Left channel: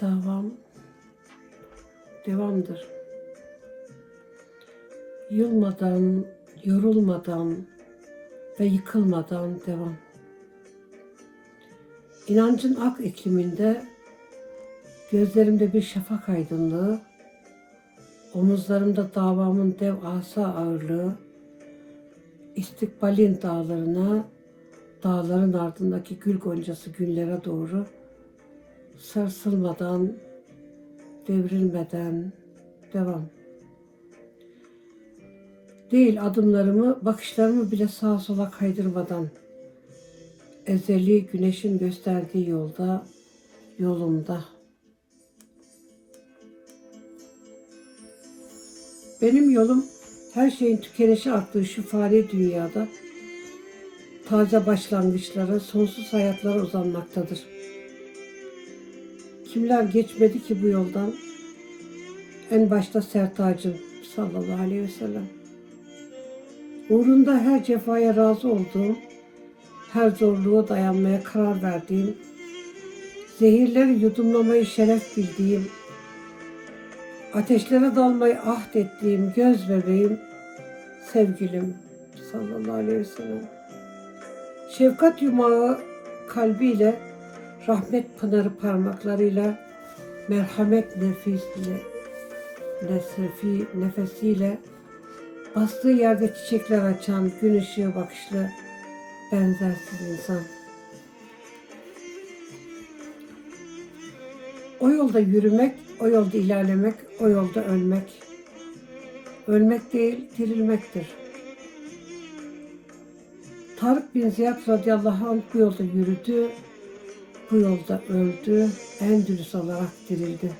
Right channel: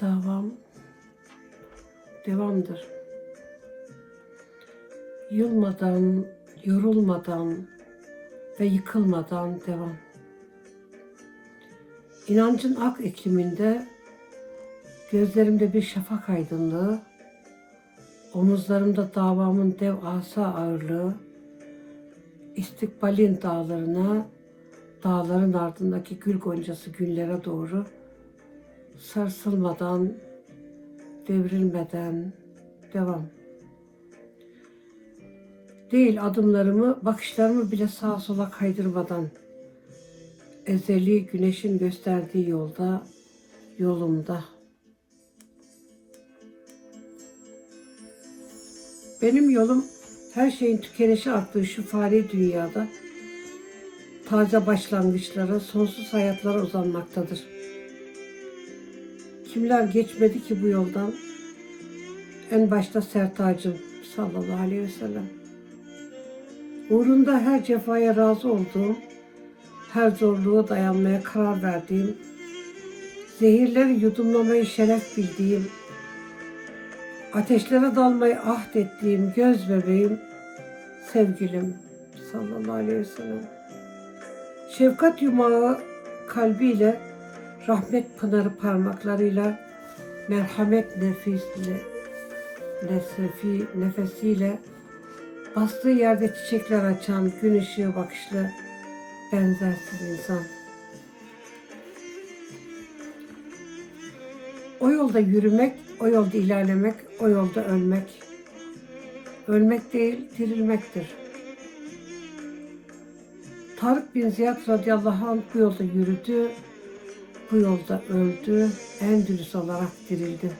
davam devamdır. Yılmadan, yorulmadan ve yıkılmadan devam. İnancın ak ikliminde gözlerimde bir şafak aydınlığı, omuzlarımda davamın dev asa ağırlığı, istikbalin dağlarına, dağların ardındaki gül goncası günlere doğru sarsılmadan, devrilmeden devam. Değil adımlarımı, bakışlarımı bile sağa sola kaydırmadan ezeli güneşin gösterdiği yolda, yolumda. Benim yolum her şeyin tükenişe aktığı şu fani dünyada taze başlangıçlara, sonsuz hayatlara uzanmaktadır. Kimler geçmedi ki bu yoldan? En başta Sertacım sallallahu aleyhi ve sellem. Uğrunda her cefaya razı olduğum, her zorluğu dayanmaya karar verdiğim, zehirleri yudumlamayı şeref bildiğim, ateşlere dalmayı ahd ettiğim göz bebeğim, sevgilim sallallahu aleyhi ve sellem. Şefkat yumağı kalbiyle, rahmet pınarı parmaklarıyla, merhamet nefisiyle, nesrefi nefesiyle, bastığı yerde çiçekler açan gün ışığı bakışlı, benzersiz insan. O yolda yürümek, o yolda ilerlemek, o yolda ölmek. Ölmek değil, dirilmektir. Tarık bin Ziyad radıyallahu anh bu yolda yürüdü, bu yolda öldü, en dürüst olarak dirildi.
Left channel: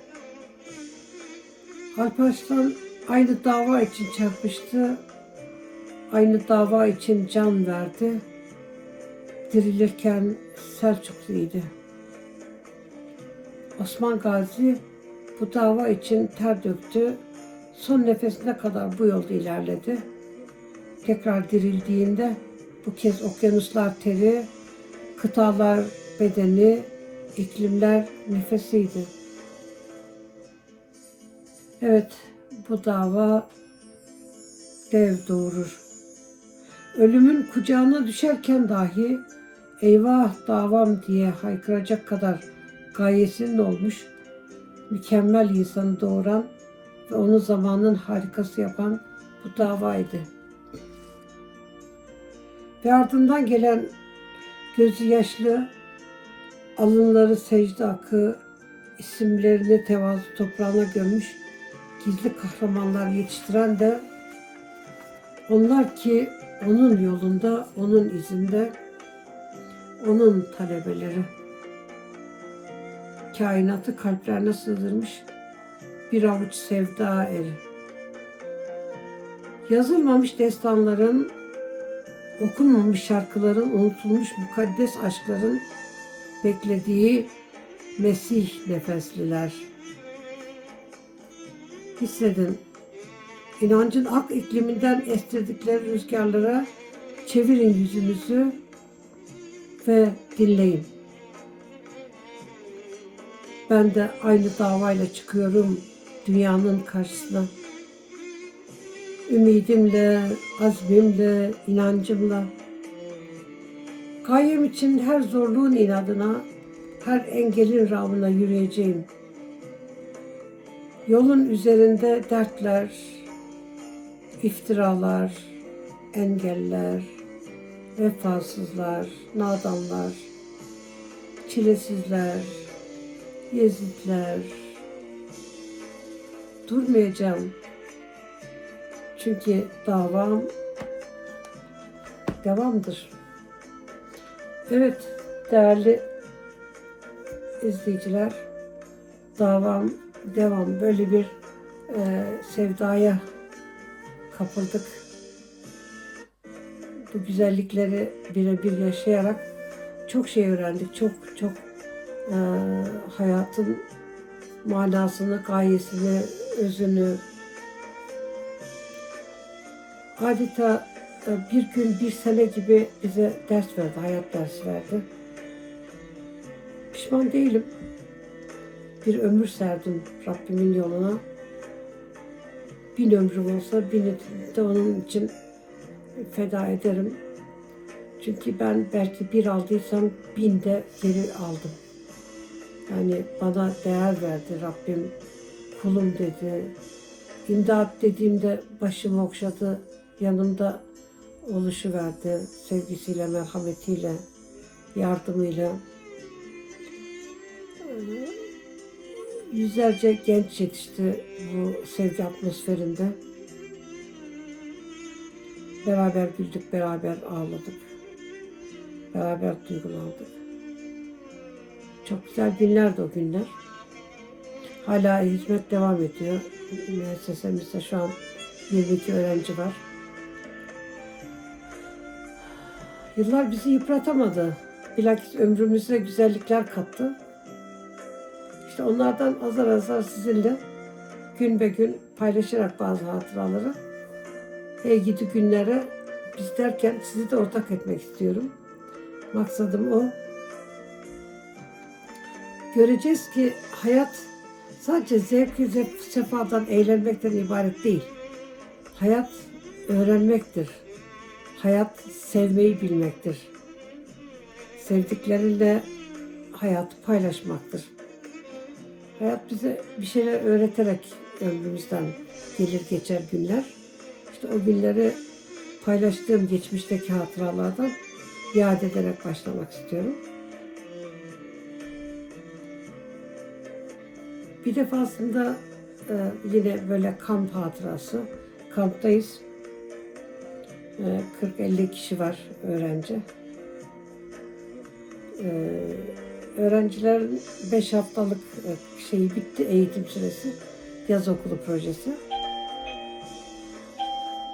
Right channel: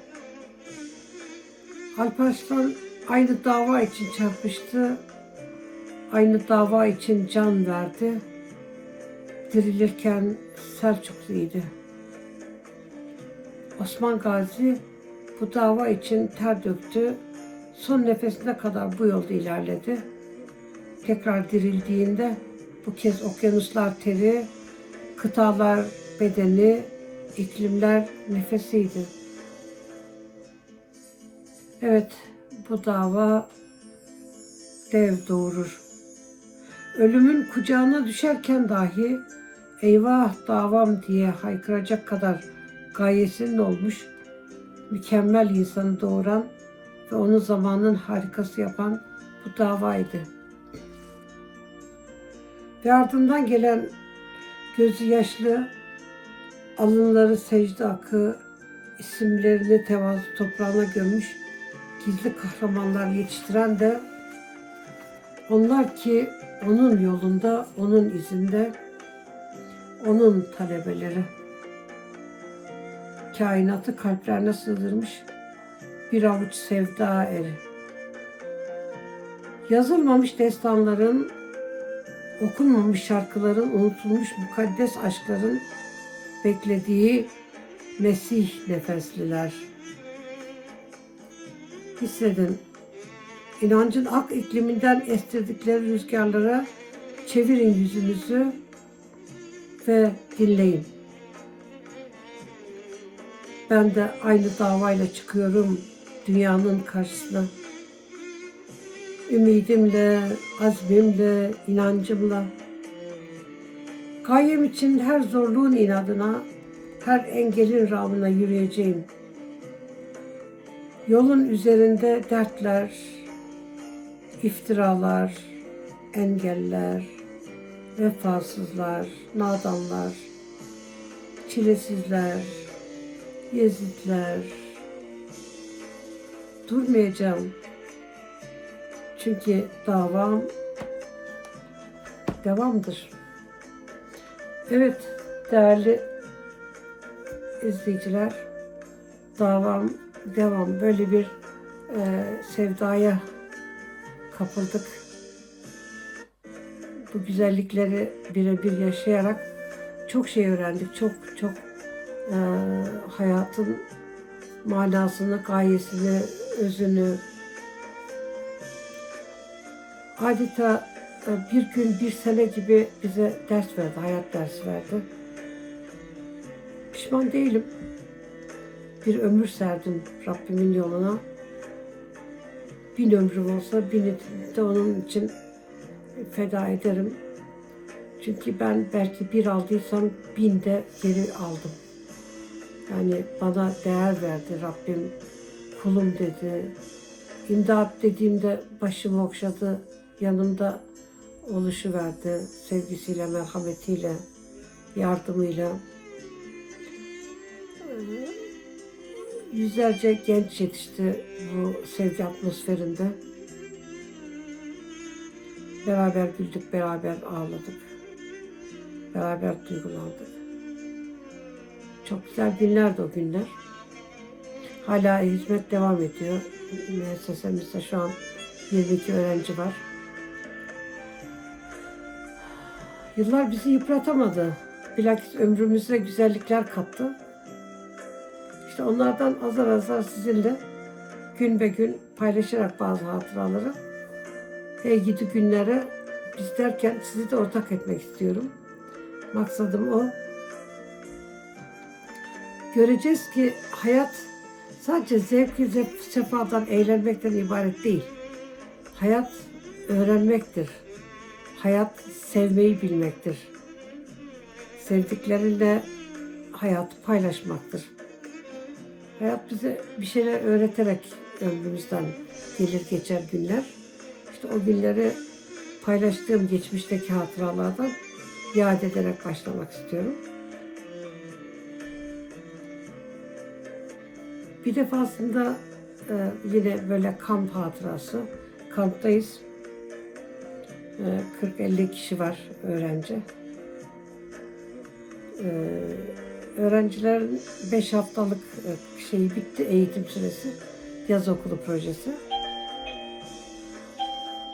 Alparslan aynı dava için çarpıştı, aynı dava için can verdi. Dirilirken Selçukluydu. Osman Gazi bu dava için ter döktü. Son nefesine kadar bu yolda ilerledi. Tekrar dirildiğinde bu kez okyanuslar teri, kıtalar bedeni, iklimler nefesiydi. Evet, bu dava dev doğurur. Ölümün kucağına düşerken dahi eyvah davam diye haykıracak kadar gayesinin olmuş, mükemmel insanı doğuran ve onu zamanın harikası yapan bu davaydı. Ve ardından gelen gözü yaşlı, alınları secde akı, isimlerini tevazu toprağına gömmüş gizli kahramanlar yetiştiren de onlar ki onun yolunda, onun izinde, onun talebeleri. Kainatı kalplerine sığdırmış bir avuç sevda eri. Yazılmamış destanların, okunmamış şarkıların, unutulmuş mukaddes aşkların beklediği Mesih nefesliler. Hissedin, inancın ak ikliminden estirdikleri rüzgarlara çevirin yüzünüzü ve dinleyin. Ben de aynı davayla çıkıyorum dünyanın karşısına. Ümidimle, azmimle, inancımla. Gayem için her zorluğun inadına, her engelin rağbına yürüyeceğim. Yolun üzerinde dertler, iftiralar, engeller, vefasızlar, nadanlar, çilesizler, Yezidler. Durmayacağım. Çünkü davam devamdır. Evet değerli izleyiciler davam devam böyle bir e, sevdaya kapıldık. Bu güzellikleri birebir yaşayarak çok şey öğrendik. Çok çok e, hayatın manasını, gayesini, özünü adeta e, bir gün, bir sene gibi bize ders verdi, hayat dersi verdi. Pişman değilim. bir ömür serdim Rabbimin yoluna. Bin ömrüm olsa bini de onun için feda ederim. Çünkü ben belki bir aldıysam bin de geri aldım. Yani bana değer verdi Rabbim. Kulum dedi. İmdat dediğimde başımı okşadı. Yanımda oluşu verdi. Sevgisiyle, merhametiyle, yardımıyla. Yüzlerce genç yetişti bu sevgi atmosferinde. Beraber güldük, beraber ağladık. Beraber duygulandık. Çok güzel günlerdi o günler. Hala hizmet devam ediyor. Müessesemizde şu an 22 öğrenci var. Yıllar bizi yıpratamadı. Bilakis ömrümüze güzellikler kattı. İşte onlardan azar azar sizinle gün be gün paylaşarak bazı hatıraları hey gidi günlere biz derken sizi de ortak etmek istiyorum. Maksadım o. Göreceğiz ki hayat sadece zevk ve sefadan, eğlenmekten ibaret değil. Hayat öğrenmektir. Hayat sevmeyi bilmektir. Sevdiklerinle hayatı paylaşmaktır. Hayat bize bir şeyler öğreterek ömrümüzden gelir geçer günler. İşte o günleri paylaştığım geçmişteki hatıralardan yad ederek başlamak istiyorum. Bir defasında e, yine böyle kamp hatırası. Kamptayız. E, 40-50 kişi var öğrenci. E, öğrencilerin 5 haftalık e, şeyi bitti eğitim süresi. Yaz okulu projesi.